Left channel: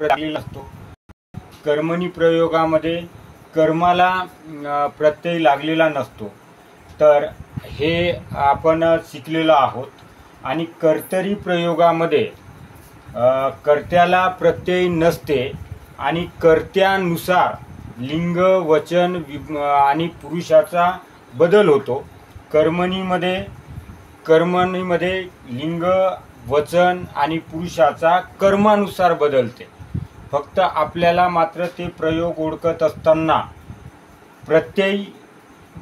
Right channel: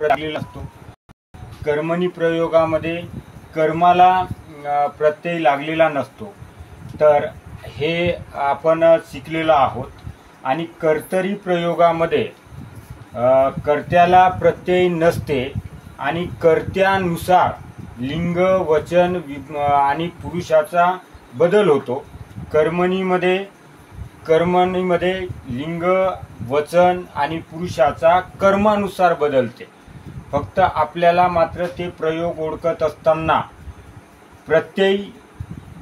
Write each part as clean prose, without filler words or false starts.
लागलेला असतो। कर्मणी प्रयोगामध्ये कर्माला प्रत्यय लागलेला नसतो, तर हे आपण शिकलेलो आहोत। आणि कर्तरी प्रयोगामध्ये कर्त्याला प्रत्यय नसते आणि कर्त्यानुसार लिंग वचन आणि पुरुषाचा बदल होतो। कर्मणीमध्ये लिंग वचन आणि पुरुषाचा कर्मानुसार बदलते। फक्त आपल्याला मात्र ते प्रयोग ओळखत असताना प्रत्यय,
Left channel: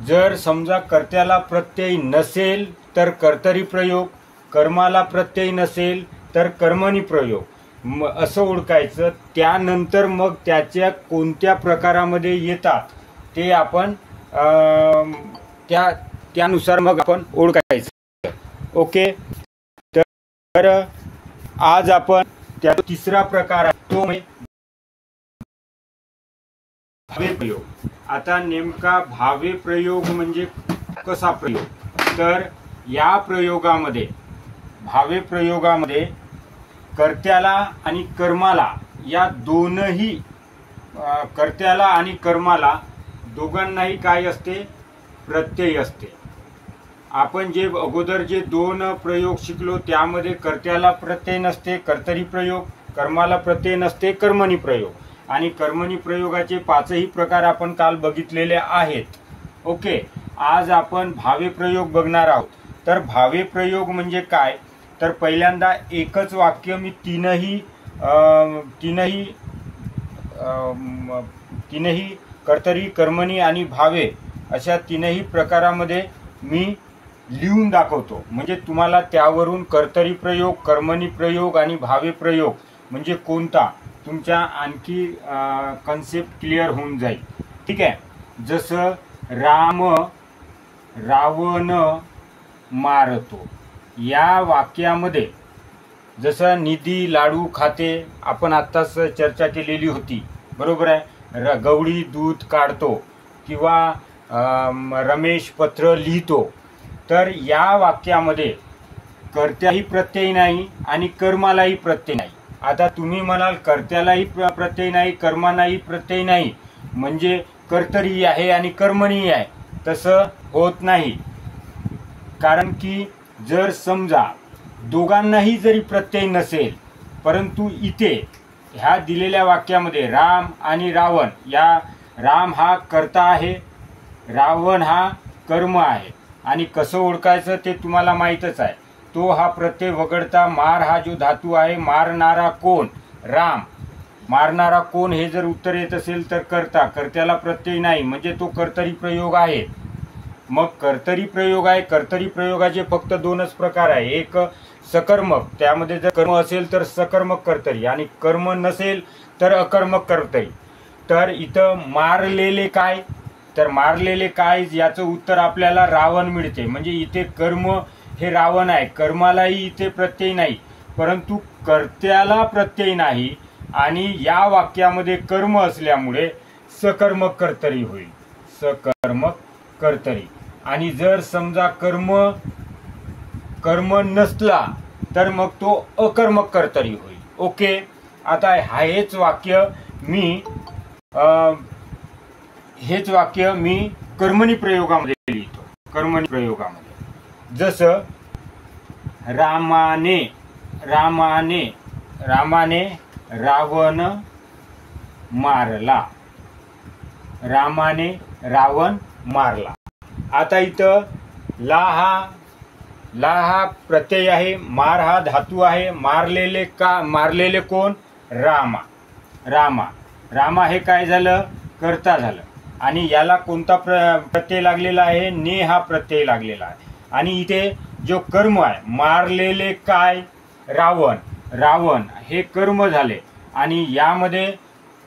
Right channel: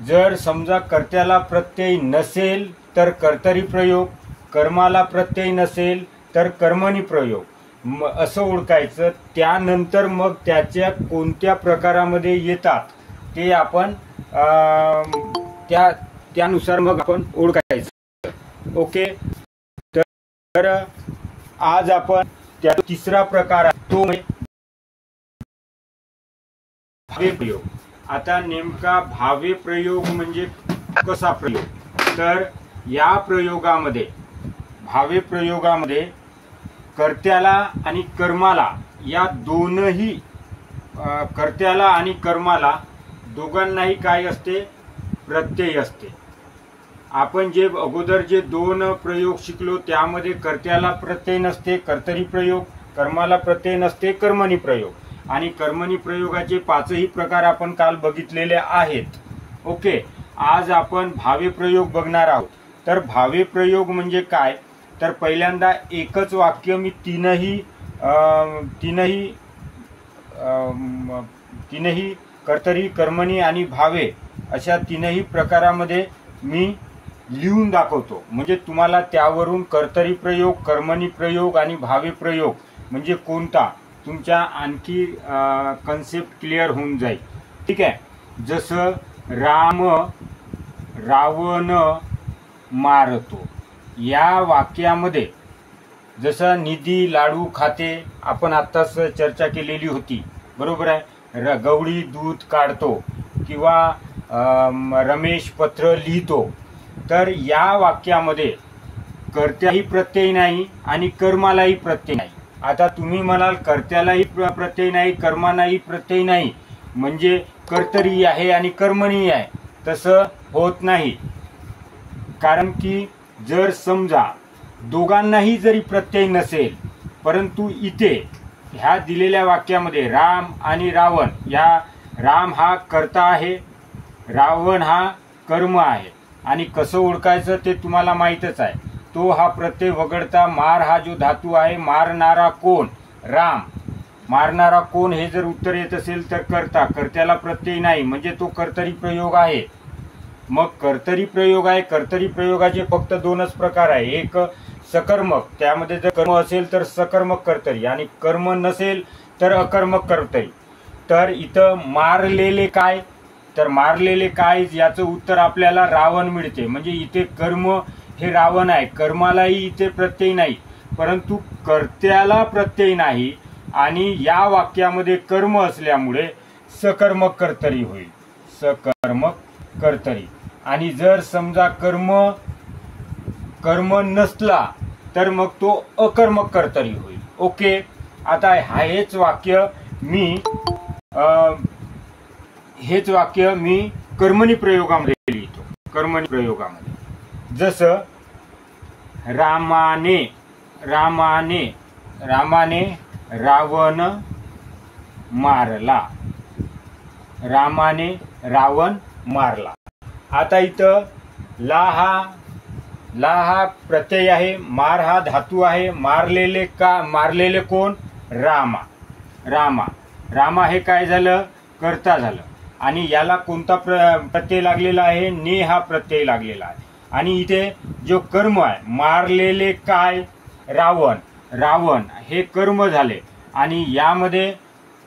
जर समजा कर्त्याला प्रत्यय नसेल तर कर्तरी प्रयोग, कर्माला प्रत्यय नसेल तर कर्मणी प्रयोग असं ओळखायचं। त्यानंतर मग त्याच्या कोणत्या प्रकारामध्ये येतात ते आपण त्यानुसार मग आपण ओळखायचं। ओके, तर आज आपण त्या तिसरा प्रकार आहे तो भावे प्रयोग। आता नेमका भावे प्रयोग म्हणजे कसा प्रयोग, तर या प्रयोगामध्ये भावे प्रयोगामध्ये कर्त्याला आणि कर्माला या दोनही कर्त्याला आणि कर्माला दोघांनाही काय असते, प्रत्यय असते। आपण जे अगोदर जे दोन प्रयोग शिकलो त्यामध्ये कर्त्याला प्रत्यय नसते कर्तरी प्रयोग, कर्माला प्रत्यय नसते कर्मणी प्रयोग, आणि कर्मणी प्रयोगाचे पाचही प्रकार आपण काल बघितलेले आहेत। ओके, आज आपण भावे प्रयोग बघणार आहोत। तर भावे प्रयोग म्हणजे काय, तर पहिल्यांदा एकच वाक्य मी तीनही कर्तरी कर्मणी आणि भावे अशा तीनही प्रकारामध्ये मी लिहून दाखवतो, म्हणजे तुम्हाला त्यावरून कर्तरी प्रयोग, कर्मणी प्रयोग आणि भावे प्रयोग म्हणजे कोणता तुमच्या आणखी कन्सेप्ट क्लिअर होऊन जाईल। ठीक आहे, जसं राम रावण मारतो या वाक्यामध्ये जसं निधी लाडू खाते आपण आत्ताच चर्चा केलेली होती, बरोबर आहे। गवळी दूध काढतो किंवा रमेश पत्र लिहितो, तर या वाक्यामध्ये कर्त्यालाही प्रत्यय नाही आणि कर्मालाही प्रत्यय नाही। आता तुम्ही म्हणाल कर्त्यालाही प्रत्यय नाही कर्मालाही प्रत्यय नाही म्हणजे कर्तरी आहे आणि कर्मणी आहे, तसं होत नाही। कारण की जर समजा दोघांनाही जरी प्रत्यय नसेल, परंतु इथे ह्या दिलेल्या वाक्यामध्ये राम आणि रावण, या राम हा कर्ता आहे, रावण हा कर्म आहे, आणि कसं ओळखायचं ते तुम्हाला माहीतच आहे। तो हा प्रत्यय वगळता मार हा जो धातू आहे, मारणारा कोण, राम, मारणारा कोण हे जर उत्तर येत असेल तर कर्ता, कर्त्याला प्रत्यय नाही म्हणजे तो कर्तरी प्रयोग आहे। मग कर्तरी प्रयोग आहे, कर्तरी प्रयोगाचे फक्त दोनच प्रकार आहे, एक सकर्मक, त्यामध्ये जर कर्म असेल तर सकर्मक कर्तरी आणि कर्म नसेल तर अकर्मक कर्तरी। तर इथं मारलेले काय, तर मारलेले काय याचं उत्तर आपल्याला रावण मिळते, म्हणजे इथे कर्म हे रावण आहे, कर्मालाही इथे प्रत्यय नाही परंतु कर्त्याला प्रत्यय नाही, आणि या वाक्यामध्ये कर्म असल्यामुळे सकर्मक कर्तरी होईल, सकर्मक कर्तरी। आणि जर समजा कर्म नसला तर मग तो अकर्मक कर्तरी होईल। ओके, आता हेच वाक्य मी कर्मणी प्रयोगामध्ये लिहितो। कर्मणी प्रयोगामध्ये जसं रामाने रावण मारला, रामाने रावण मारला। आता इथं ला हा प्रत्यय आहे, मार हा धातू आहे, मारलेले कोण, रामा हे काय झालं, कर्ता झालं, आणि याला कोणता प्रत्यय लागलेला आहे, ने हा प्रत्यय लागलेला आहे। आणि इथे जो कर्म आहे, मारलेले काय, रावण हे कर्म झाले, आणि यामध्ये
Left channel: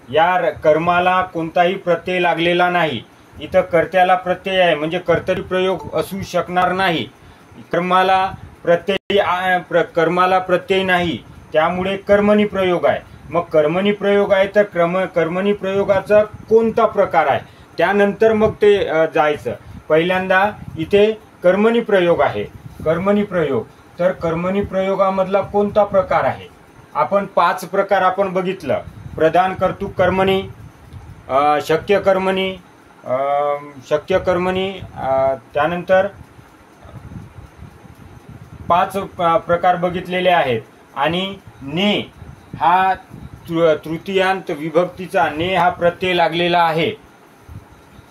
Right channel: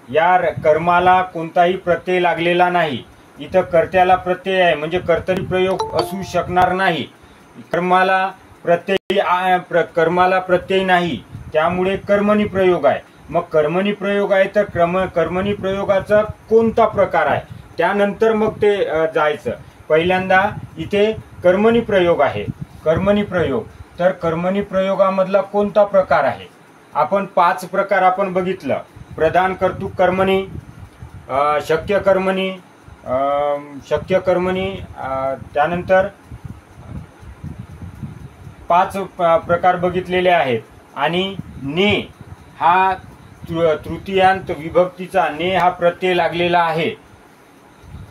या कर्माला कोणताही प्रत्यय लागलेला नाही। इथं कर्त्याला प्रत्यय आहे म्हणजे कर्तरी प्रयोग असू शकणार नाही, कर्माला प्रत्यय नाही, त्यामुळे कर्मणी प्रयोग आहे। मग कर्मणी प्रयोग आहे तर कर्मणी प्रयोगाचा कोणता प्रकार आहे त्यानंतर मग ते जायचं। पहिल्यांदा इथे कर्मणी प्रयोग आहे, कर्मणी प्रयोग, तर कर्मणी प्रयोगामधला कोणता प्रकार आहे, आपण 5 प्रकार आपण बघितलं। प्रधान कर्तृक कर्मणी, शक्य कर्मणी, त्यानंतर 5 प्रकार बघितलेले आहेत. आणि ने हा तृतीयांत विभक्तीचा ने हा प्रत्यय लागलेला आहे,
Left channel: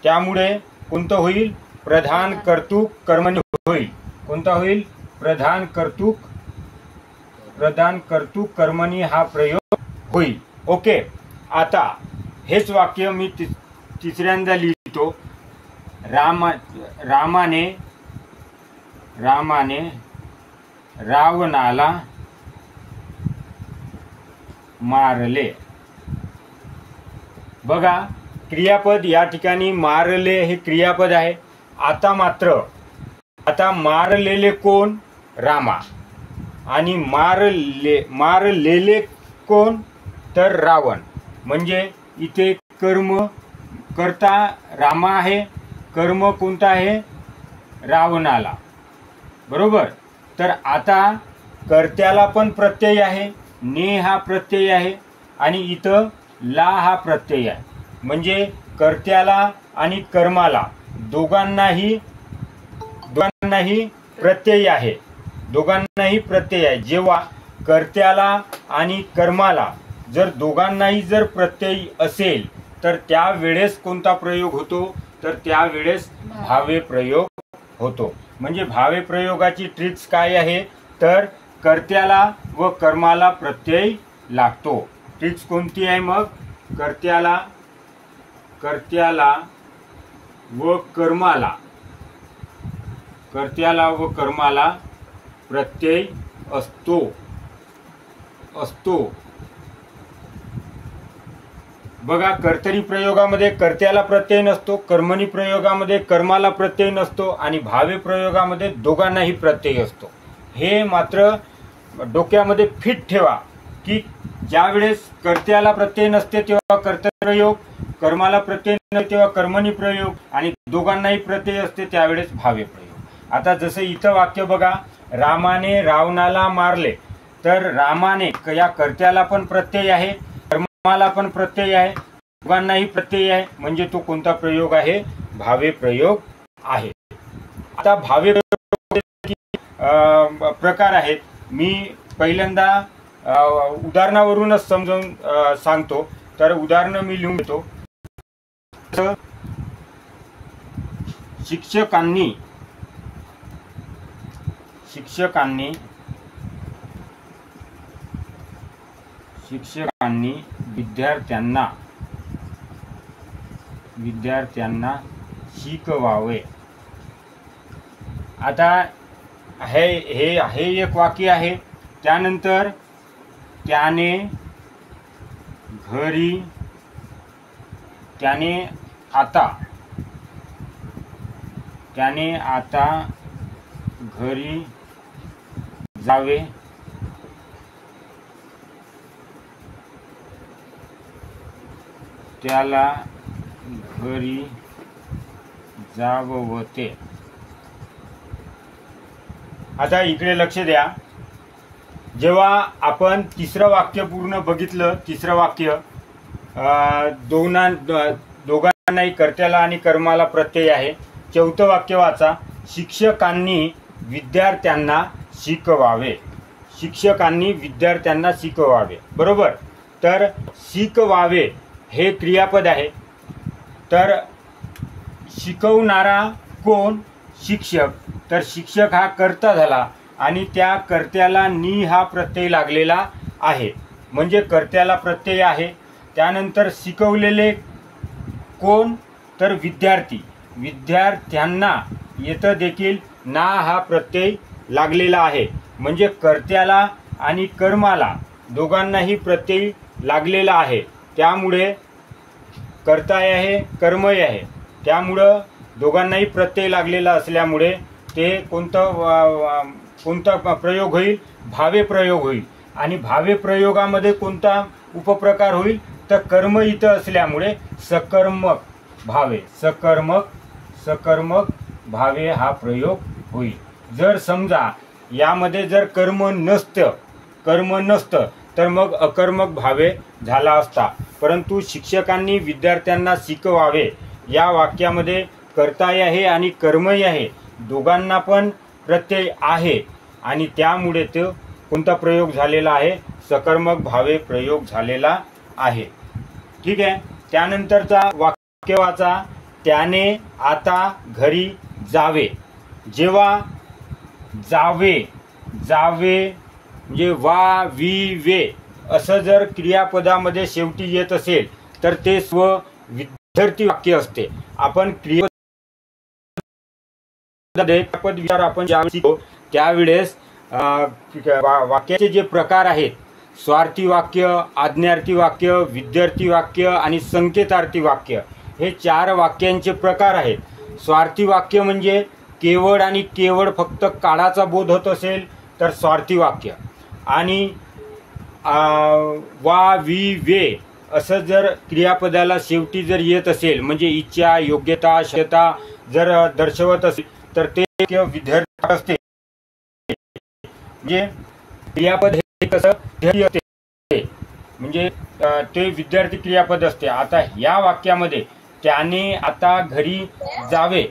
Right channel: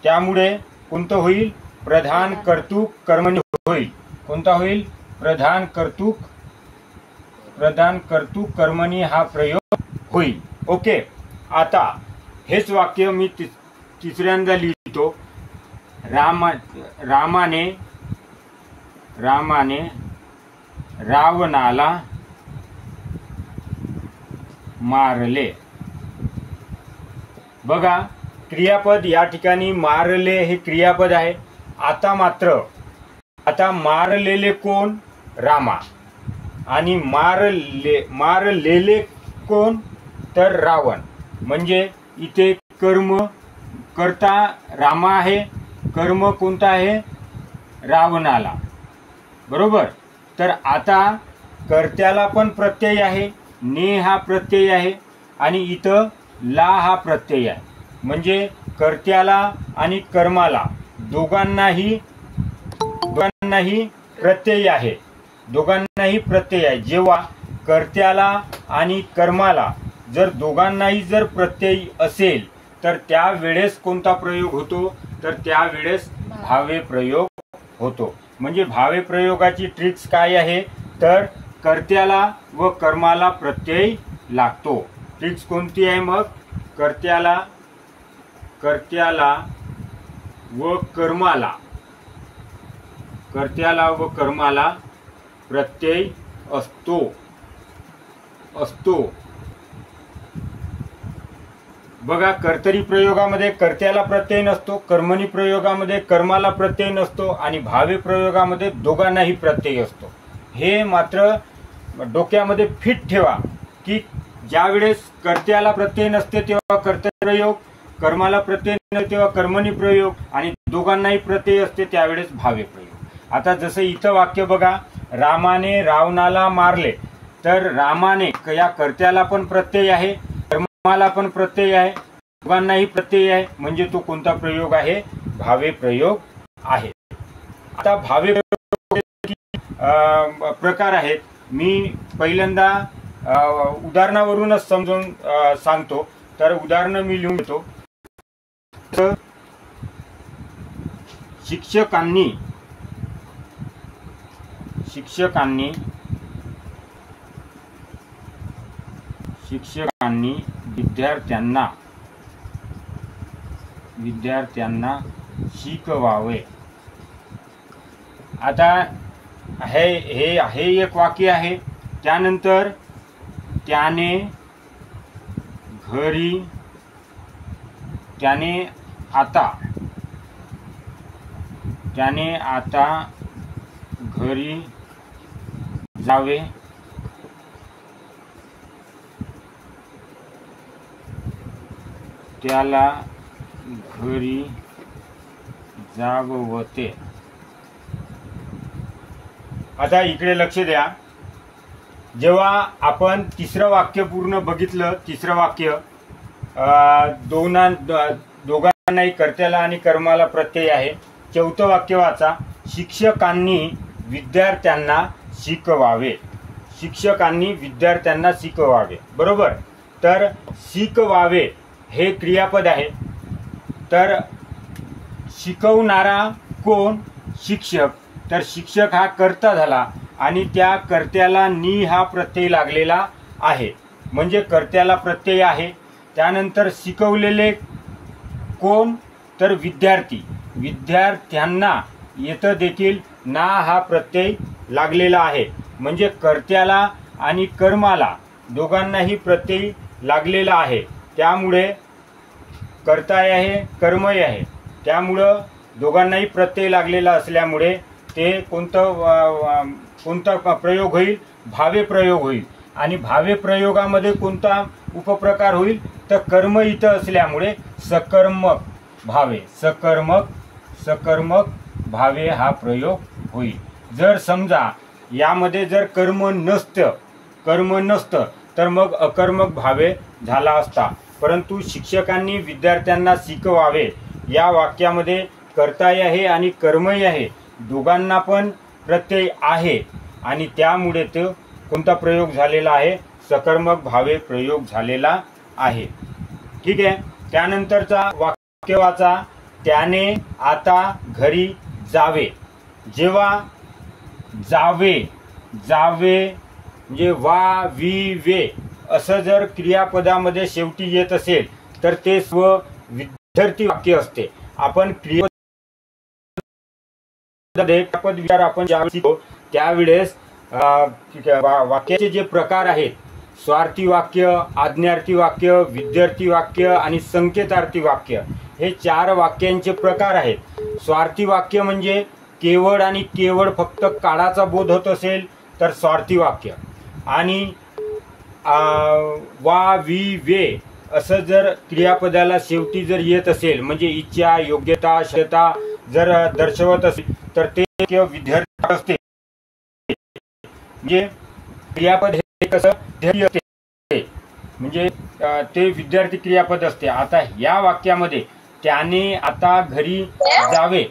त्यामुळे कोणतं होईल? प्रधान कर्तृक कर्मणी होईल. कोणता होईल? प्रधान कर्तृक कर्मणी हा प्रयोग होईल. ओके. आता हेच वाक्य मी तिसऱ्यांदा लिहितो. रामाने रावणाला मारले. बघा, क्रियापद या ठिकाणी मारले हे क्रियापद आहे. आता मारलेले कोण? रामा. आणि मारलेले कोण? तर रावण. म्हणजे इथे कर्ता रामा आहे, कर्म कोणता आहे? रावणाला. बरोबर. तर आता कर्त्याला पण प्रत्यय आहे, ने हा प्रत्यय आहे, आणि इथं ला हा प्रत्यय आहे. म्हणजे कर्त्याला आणि कर्माला दोघांनाही प्रत्यय आहे. जेव्हा कर्त्याला आणि कर्माला जर दोघांनाही जर प्रत्यय असेल तर त्यावेळेस कोणता प्रयोग होतो? तर त्यावेळेस भावे प्रयोग होतो. म्हणजे भावे प्रयोगाची ट्रिक्स काय आहे? तर कर्त्याला व कर्माला प्रत्यय लागतो. ट्रिक्स कोणती आहे मग? कर्त्याला व कर्माला प्रत्यय असतो. बघा, कर्तरी प्रयोगामध्ये कर्त्याला प्रत्यय नसतो, कर्मणी प्रयोगामध्ये कर्माला प्रत्यय नसतो, आणि भावे प्रयोगामध्ये दोघांनाही प्रत्यय असतो. हे मात्र डोक्यामध्ये फिट ठेवा की ज्यावेळेस कर्त्याला प्रत्यय नसते तेव्हा कर्तरी प्रयोग, कर्माला प्रत्यय नसते तेव्हा कर्मणी प्रयोग, आणि दोघांनाही प्रत्यय असते त्यावेळेस भावे प्रयोग. आता जसं इथं वाक्य बघा, रामाने रावणाला मारले. तर रामाने या कर्त्याला पण प्रत्यय आहे, कर्माला पण प्रत्यय आहे, दोघांनाही प्रत्यय आहे. म्हणजे तो कोणता प्रयोग आहे? भावे प्रयोग आहे. आता भावे प्रकार आहेत. मी पहिल्यांदा उदाहरणावरूनच समजून सांगतो. तर उदाहरण मी लिहून घेतो. शिक्षकांनी विद्यार्थ्यांना शिकवावे. आता हे एक वाक्य आहे. त्यानंतर त्याने आता घरी जावे. त्याला घरी जाववते. आता इकडे लक्ष द्या. जेव्हा आपण तिसरं वाक्य पूर्ण बघितलं, तिसरं वाक्य दोघांनाही कर्त्याला आणि कर्माला प्रत्यय आहे. चौथं वाक्य वाचा. शिक्षकांनी विद्यार्थ्यांना शिकवावे. बरोबर. तर शिकवावे हे क्रियापद आहे. तर शिकवणारा कोण? शिक्षक. तर शिक्षक हा कर्ता झाला, आणि त्या कर्त्याला नी हा प्रत्यय लागलेला आहे. म्हणजे कर्त्याला प्रत्यय आहे. त्यानंतर शिकवलेले कोण? तर विद्यार्थी. विद्यार्थ्यांना येतं देखील ना हा प्रत्यय लागलेला आहे. म्हणजे कर्त्याला आणि कर्माला दोघांनाही प्रत्यय लागलेला आहे. त्यामुळे कर्ता आहे, कर्मही आहे. त्यामुळं दोघांनाही प्रत्यय लागलेला असल्यामुळे ते कोणता प्रयोग होईल? भावे प्रयोग होईल. आणि भावे प्रयोगामध्ये कोणता उपप्रकार होईल? तर कर्म इथं असल्यामुळे सकर्मक भावे हा प्रयोग होईल. जर समजा यामध्ये जर कर्म नसतं तर मग अकर्मक भावे झाला असता, परंतु शिक्षकांनी विद्यार्थ्यांना शिकवावे या वाक्यामध्ये कर्ताही आहे आणि कर्मही आहे, दोघांना पण प्रत्यय आहे आणि त्यामुळे तो कोणता प्रयोग झालेला आहे, सकर्मक भावे प्रयोग झालेला आहे. ठीक आहे. त्यानंतरचा वाक्य वाचा. त्याने आता घरी जावे. जेव्हा जावे जावे म्हणजे वा वी वे असं जर क्रियापदामध्ये शेवटी येत असेल तर ते स्व विद्यार्थी वाक्य असते. आपण क्रियापद विचार आपण ज्यावेळेस शिकतो त्यावेळेस वाक्याचे जे प्रकार आहेत, स्वार्थी वाक्य, आज्ञार्थी वाक्य, विद्यार्थी वाक्य आणि संकेतार्थी वाक्य, हे 4 वाक्यांचे प्रकार आहेत. स्वार्थी वाक्य म्हणजे केवळ आणि केवळ फक्त काळाचा बोध होत असेल तर स्वार्थी वाक्य, आणि वा वी वे असं जर क्रियापदाला शेवटी जर येत असेल म्हणजे इच्छा, योग्यता, क्षमता जर दर्शवत असेल तर ते विद्यार्थी असते. म्हणजे क्रियापद हे कसं असते म्हणजे ते विद्यार्थी क्रियापद असते. आता या वाक्यामध्ये त्याने आता घरी जावे,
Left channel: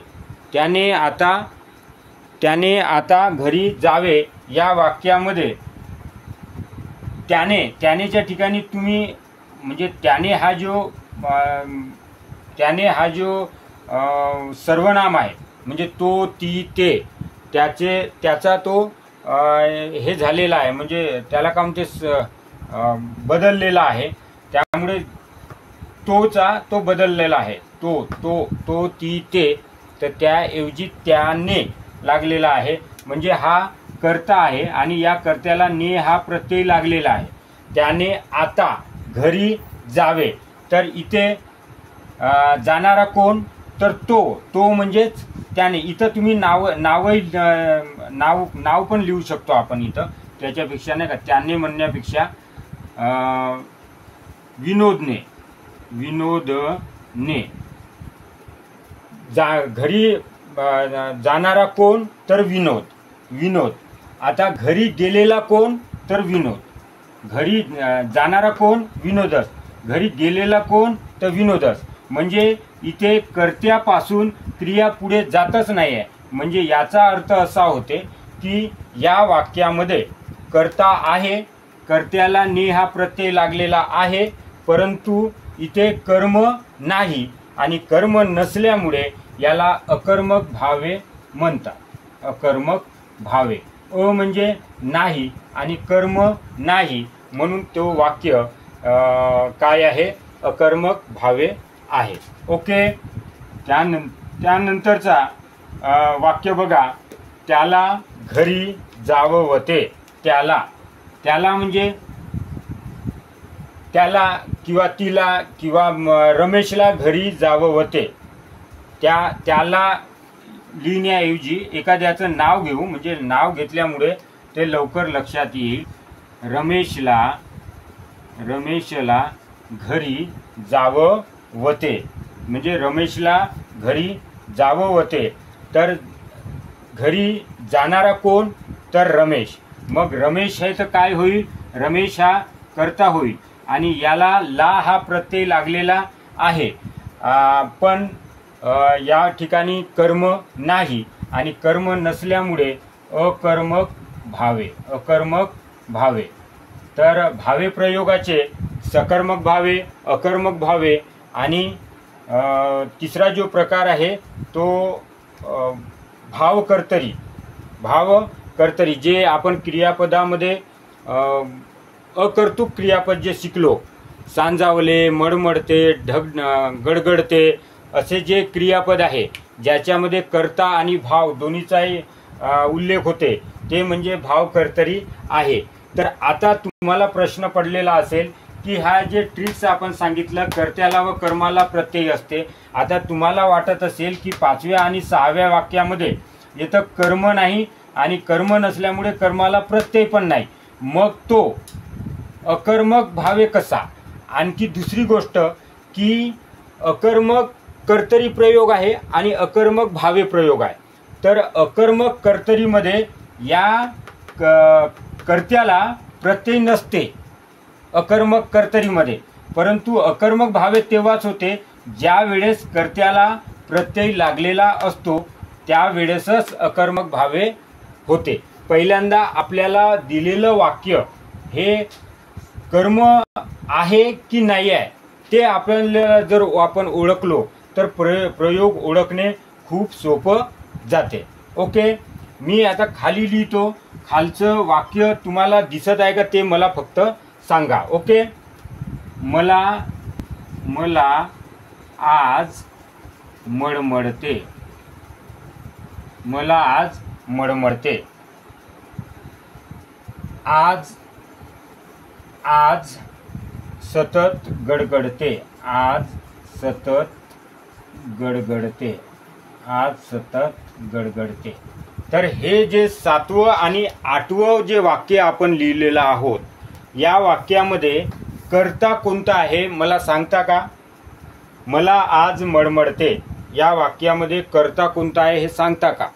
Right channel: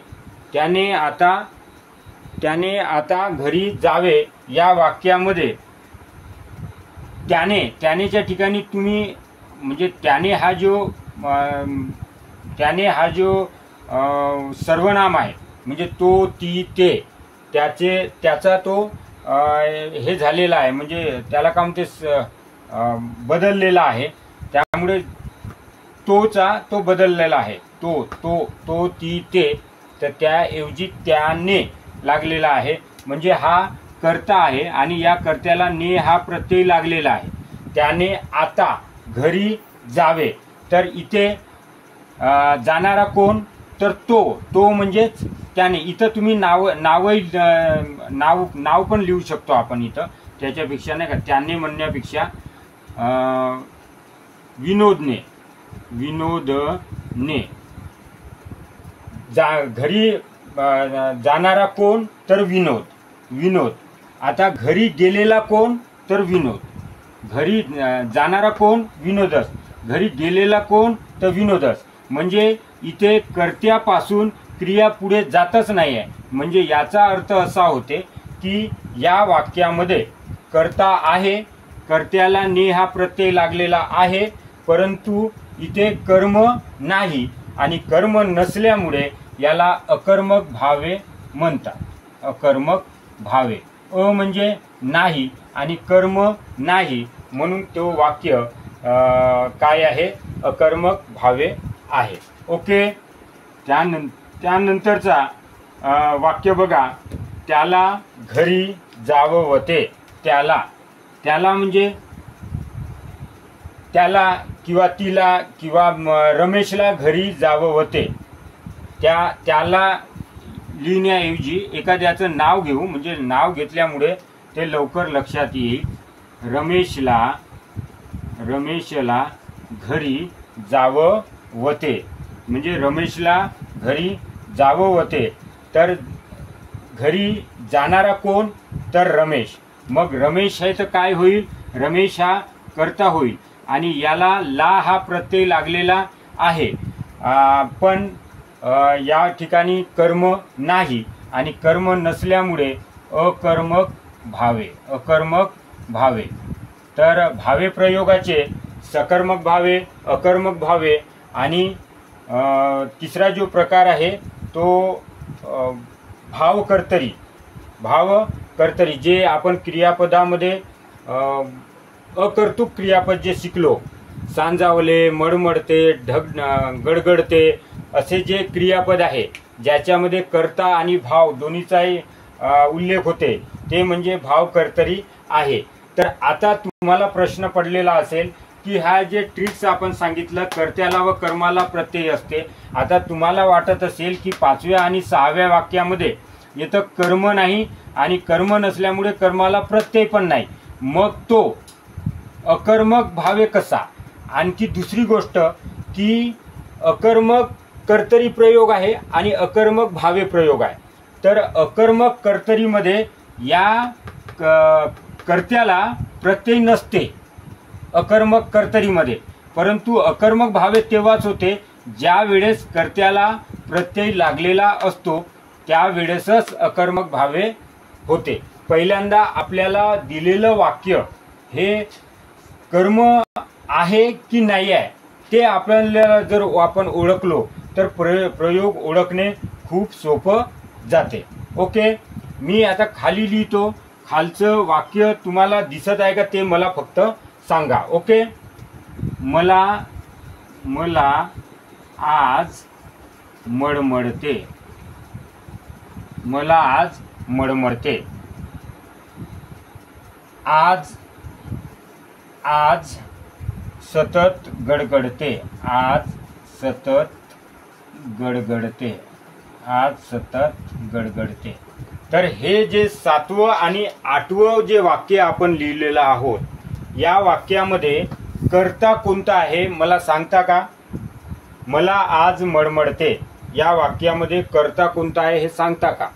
त्याने आता घरी जावे या वाक्यामध्ये त्यानेच्या ठिकाणी तुम्ही म्हणजे त्याने हा जो सर्वनाम आहे म्हणजे तो, ती, ते, त्याचा तो हे झालेला आहे म्हणजे त्याला का म्हणते बदललेला आहे, त्यामुळे तो बदललेला आहे. तो, ती, ते, तर त्याऐवजी त्याने लागलेला आहे म्हणजे हा कर्ता आहे आणि या कर्त्याला ने हा प्रत्यय लागलेला आहे. त्याने आता घरी जावे, तर इथे जाणारा कोण, तर तो म्हणजेच त्याने. इथं तुम्ही नाव पण लिहू शकतो आपण इथं, त्याच्यापेक्षा नाही का त्याने म्हणण्यापेक्षा विनोदने घरी जाणारा कोण, तर विनोद. आता घरी गेलेला कोण, तर विनोद. घरी जाणारा कोण, विनोदस. घरी गेलेला कोण, तर विनोदस. म्हणजे इथे कर्त्यापासून क्रिया पुढे जातच नाही आहे. म्हणजे याचा अर्थ असा होते की या वाक्यामध्ये कर्ता आहे, कर्त्याला ने हा प्रत्यय लागलेला आहे, परंतु इथे कर्म नाही आणि कर्म नसल्यामुळे याला अकर्मक भावे म्हणतात. अकर्मक भावे, म्हणजे नाही आणि कर्म नाही, म्हणून तो वाक्य काय आहे, अकर्मक भावे आहे. ओके. त्यानंतरचा वाक्य बघा. त्याला घरी जाववते. त्याला म्हणजे त्याला किंवा तिला किंवा रमेशला घरी जाववते. त्याला लिहिण्याऐवजी एखाद्याचं नाव घेऊ, म्हणजे नाव घेतल्यामुळे ते लवकर लक्षात येईल. रमेशला घरी जाववते म्हणजे रमेशला घरी जाववते. तर घरी जाणारा कोण, तर रमेश. मग रमेश आहे तर काय होईल, रमेश हा कर्ता होईल आणि याला ला हा प्रत्यय लागलेला आहे. पण या ठिकाणी कर्म नाही आणि कर्म नसल्यामुळे अकर्मक भावे. तर भावे प्रयोगाचे सकर्मक भावे, अकर्मक भावे आणि तिसरा जो प्रकार आहे तो भावकर्तरी, जे आपण क्रियापदामध्ये अकर्तृक क्रियापद जे शिकलो, सांजावले, मळमळते, गडगडते असे जे क्रियापद आहे ज्याच्यामध्ये कर्ता आणि भाव दोन्हीचाही उल्लेख होते, ते म्हणजे भावकर्तरी आहे. तर आता तुम्हाला प्रश्न पडलेला असेल की हा जे ट्रिक्स आपण सांगितलं, कर्त्याला व कर्माला प्रत्यय असते. आता तुम्हाला वाटत असेल की 5व्या आणि 6व्या वाक्यामध्ये इथं कर्म नाही आणि कर्म नसल्यामुळे कर्माला प्रत्यय पण नाही, मग तो अकर्मक भावे कसा. आणखी दुसरी गोष्ट की अकर्मक कर्तरी प्रयोग आहे आणि अकर्मक भावे प्रयोग आहे. तर अकर्मक कर्तरीमध्ये या कर्त्याला प्रत्यय नसते अकर्मक कर्तरीमध्ये, परंतु अकर्मक भावे तेव्हाच होते ज्या वेळेस कर्त्याला प्रत्यय लागलेला असतो त्यावेळेसच अकर्मक भावे होते। पहिल्यांदा आपल्याला दिलेलं वाक्य हे कर्म आहे की नाही आहे ते आपल्याला जर आपण ओळखलो तर प्रयोग ओळखणे खूप सोपं जाते। ओके, मी आता खाली लिहितो, खालचं वाक्य तुम्हाला दिसत आहे का ते मला फक्त सांगा। ओके, मला आज मळमळते, मला आज मळमळते। आज सतत गडगडते, आज सतत गडगडते, आज सतत गडगडते। तर हे जे 7वं आणि 8वं जे वाक्य आपण लिहिलेलं आहोत या वाक्यामध्ये कर्ता कोणता आहे मला सांगता का? मला आज मळमळते या वाक्यामध्ये कर्ता कोणता आहे हे सांगता का?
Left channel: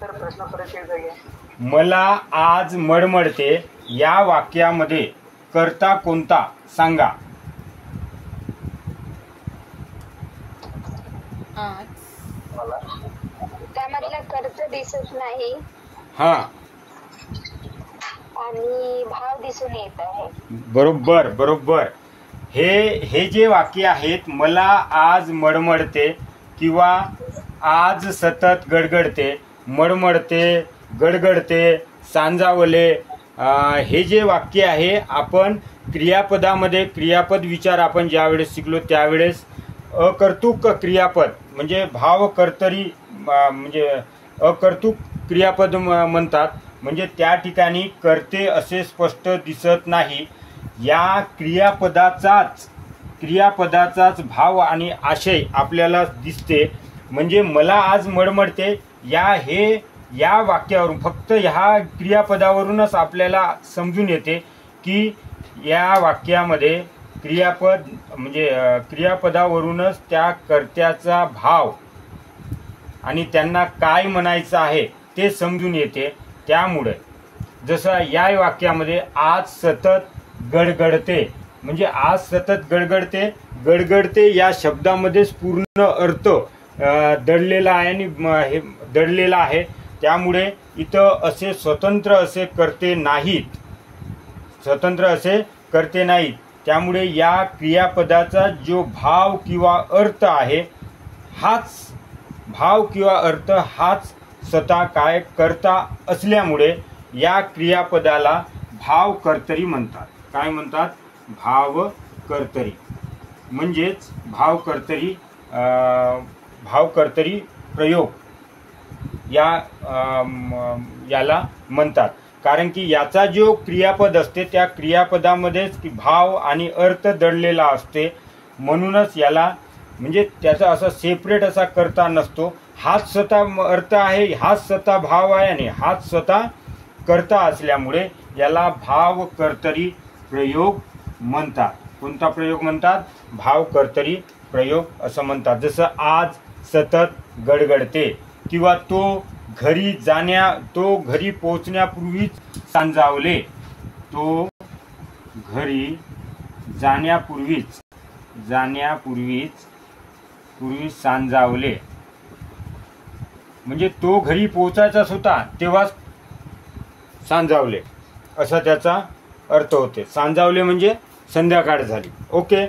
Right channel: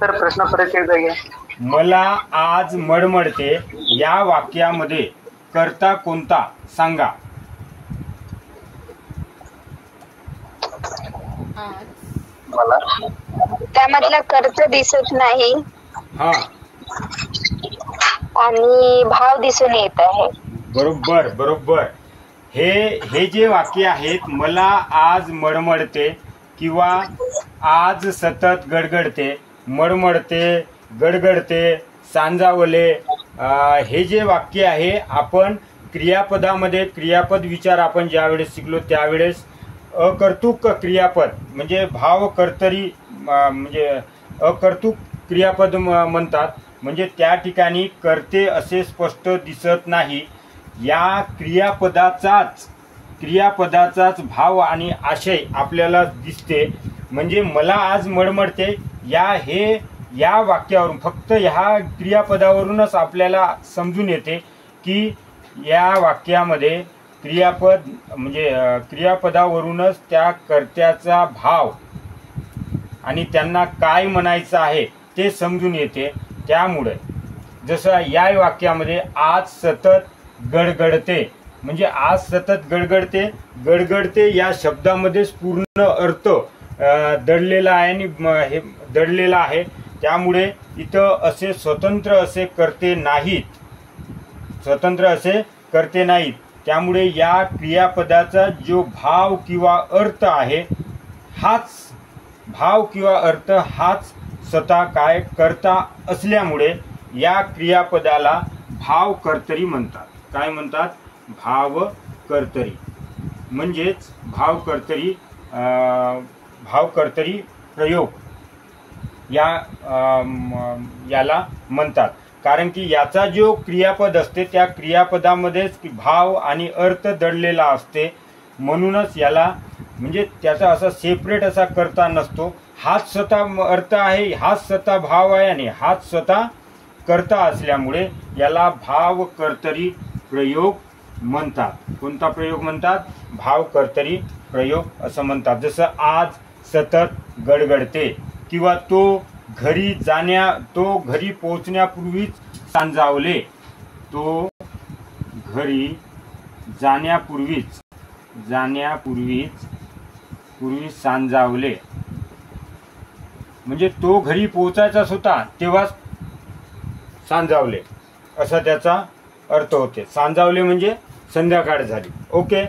सर प्रश्न परत एकदा घ्या। मला आज मळमळते या वाक्यामध्ये कर्ता कोणता सांगा? मला त्यामधला कर्त दिसत नाही हा, आणि भाव दिसून येत आहे। बरोबर बरोबर। हे जे वाक्य आहेत, मला आज मळमळते किंवा आज सतत गडगडते, मळमळते, गडगडते, सांजावले, हे जे वाक्य आहे आपण क्रियापदामध्ये क्रियापद विचार आपण ज्यावेळेस शिकलो त्यावेळेस अकर्तृक क्रियापद म्हणजे भाव कर्तरी म्हणजे अकर्तृक क्रियापद म्हणतात। म्हणजे त्या ठिकाणी कर्ते असे स्पष्ट दिसत नाही, या क्रियापदाचाच भाव आणि आशय आपल्याला दिसते। म्हणजे मला आज मळमळते या वाक्यावरून फक्त ह्या क्रियापदावरूनच आपल्याला समजून येते की या वाक्यामध्ये क्रियापद म्हणजे क्रियापदावरूनच त्या कर्त्याचा भाव आणि त्यांना काय म्हणायचं आहे ते समजून येते। त्यामुळे जसं या वाक्यामध्ये आज सतत गडगडते म्हणजे आज सतत गडगडते, गडगडते या शब्दामध्येच पूर्ण अर्थ दडलेला आहे आणि हे दडलेला आहे। त्यामुळे इथं असे स्वतंत्र असे कर्ते नाहीत, त्यामुळे या क्रियापदाचा जो भाव किंवा अर्थ आहे हाच स्वतः काय कर्ता असल्यामुळे या क्रियापदाला भाव कर्तरी म्हणतात। काय म्हणतात? भाव कर्तरी म्हणजेच भाव कर्तरी प्रयोग याला म्हणतात। कारण की याचा जो क्रियापद असते त्या क्रियापदामध्येच भाव आणि अर्थ दडलेला असते, म्हणूनच याला म्हणजे त्याचा असा सेपरेट असा कर्ता नसतो। हाच स्वतः अर्थ आहे, हाच स्वतः भाव आहे आणि हाच स्वतः कर्ता असल्यामुळे याला भाव कर्तरी प्रयोग म्हणतात। कोणता प्रयोग म्हणतात? भाव कर्तरी प्रयोग असं म्हणतात। जसं आज सतत गडगडते किंवा तो घरी पोहोचण्यापूर्वीच सांजावले, तो घरी जाण्यापूर्वीच सांजावले म्हणजे तो घरी पोहोचायचाच होता तेव्हाच सांजावले असा त्याचा अर्थ होते। सांजावले म्हणजे संध्याकाळ झाली। ओके,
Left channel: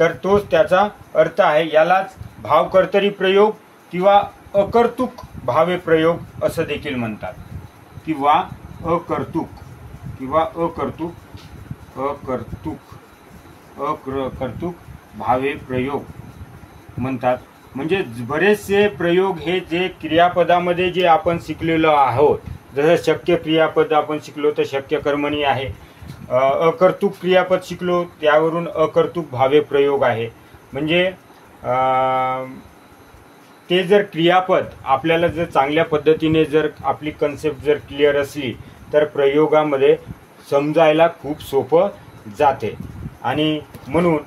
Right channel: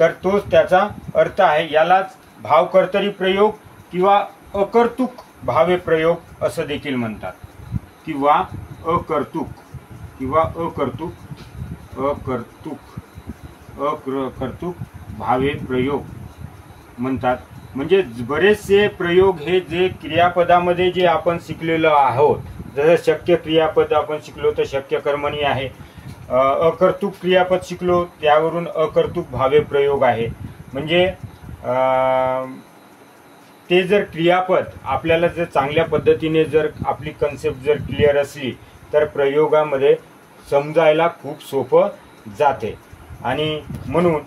तर तोच त्याचा अर्थ आहे। यालाच भाव कर्तरी प्रयोग किंवा अकर्तृक भावे प्रयोग असं देखील म्हणतात किंवा अकर्तृक भावे प्रयोग म्हणतात। म्हणजे बरेचसे प्रयोग हे जे क्रियापदामध्ये जे आपण शिकलेलो आहोत, जसं शक्य क्रियापद आपण शिकलो तर शक्य कर्मणी आहे, अकर्तृक क्रियापद शिकलो त्यावरून अकर्तृक भावे प्रयोग आहे। म्हणजे ते जर क्रियापद आपल्याला जर चांगल्या पद्धतीने जर आपली कन्सेप्ट जर क्लिअर असली तर प्रयोगामध्ये समजायला खूप सोपं जाते। आणि म्हणून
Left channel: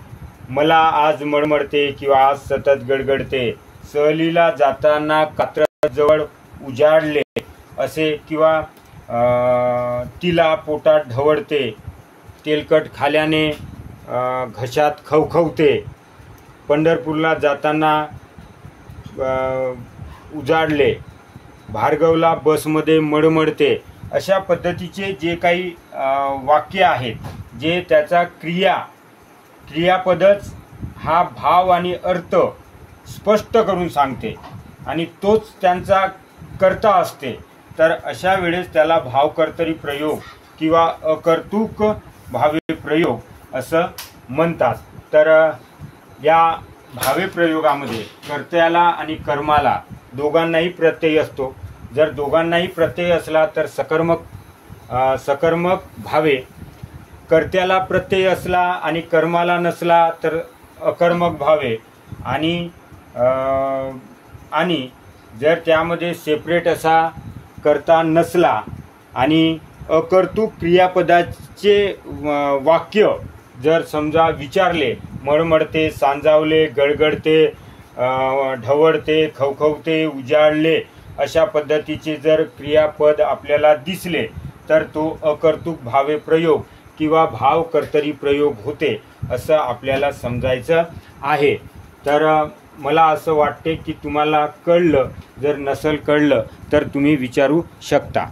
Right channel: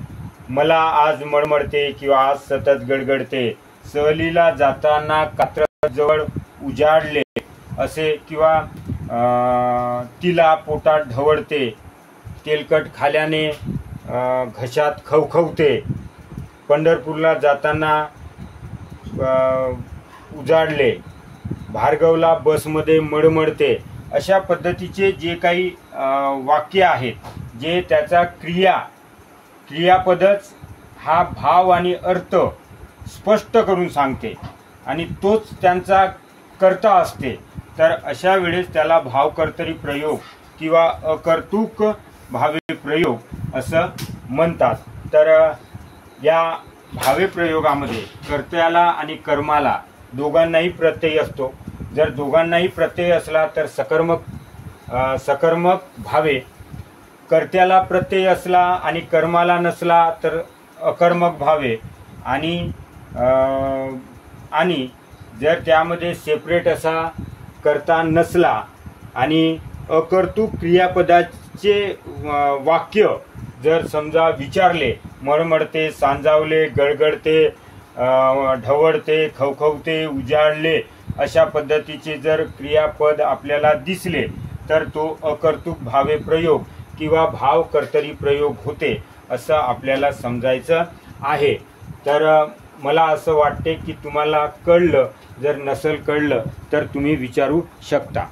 मला आज मळमळते किंवा आज सतत गडगडते, सहलीला जाताना कात्रजवळ उजाडले असे, किंवा तिला पोटात ढवळते, तेलकट खाल्याने घशात खवखवते, पंढरपूरला जाताना उजाडले, भार्गवला बसमध्ये मळमळते, अशा पद्धतीचे जे काही वाक्य आहेत, जे त्याचा क्रियापदच हा भाव आणि अर्थ स्पष्ट करून सांगते आणि तोच त्यांचा कर्ता असते, तर अशा वेळेस त्याला भावकर्तरी प्रयोग किंवा अकर्तृक भावे प्रयोग असं म्हणतात. तर या भावे प्रयोगामध्ये कर्त्याला आणि कर्माला दोघांनाही प्रत्यय असतो. जर दोघांनाही प्रत्यय असला तर सकर्मक भावे, कर्त्याला प्रत्यय असला आणि कर्माला नसला तर अकर्मक भावे, आणि जर त्यामध्ये सेपरेट असा कर्ता नसला आणि अकर्तृक क्रियापदाचे वाक्य जर समजा विचारले, मळमळते, सांजावले, गडगडते, ढवळते, खवखवते, उजाडले, अशा पद्धतीचे जर क्रियापद आपल्याला दिसले तर तो अकर्तृक भावे प्रयोग किंवा भाव कर्तरी प्रयोग होते असं आपल्याला समजायचं आहे. तर मला असं वाटते की तुम्हाला कळलं. जर नसेल कळलं तर तुम्ही विचारू शकता.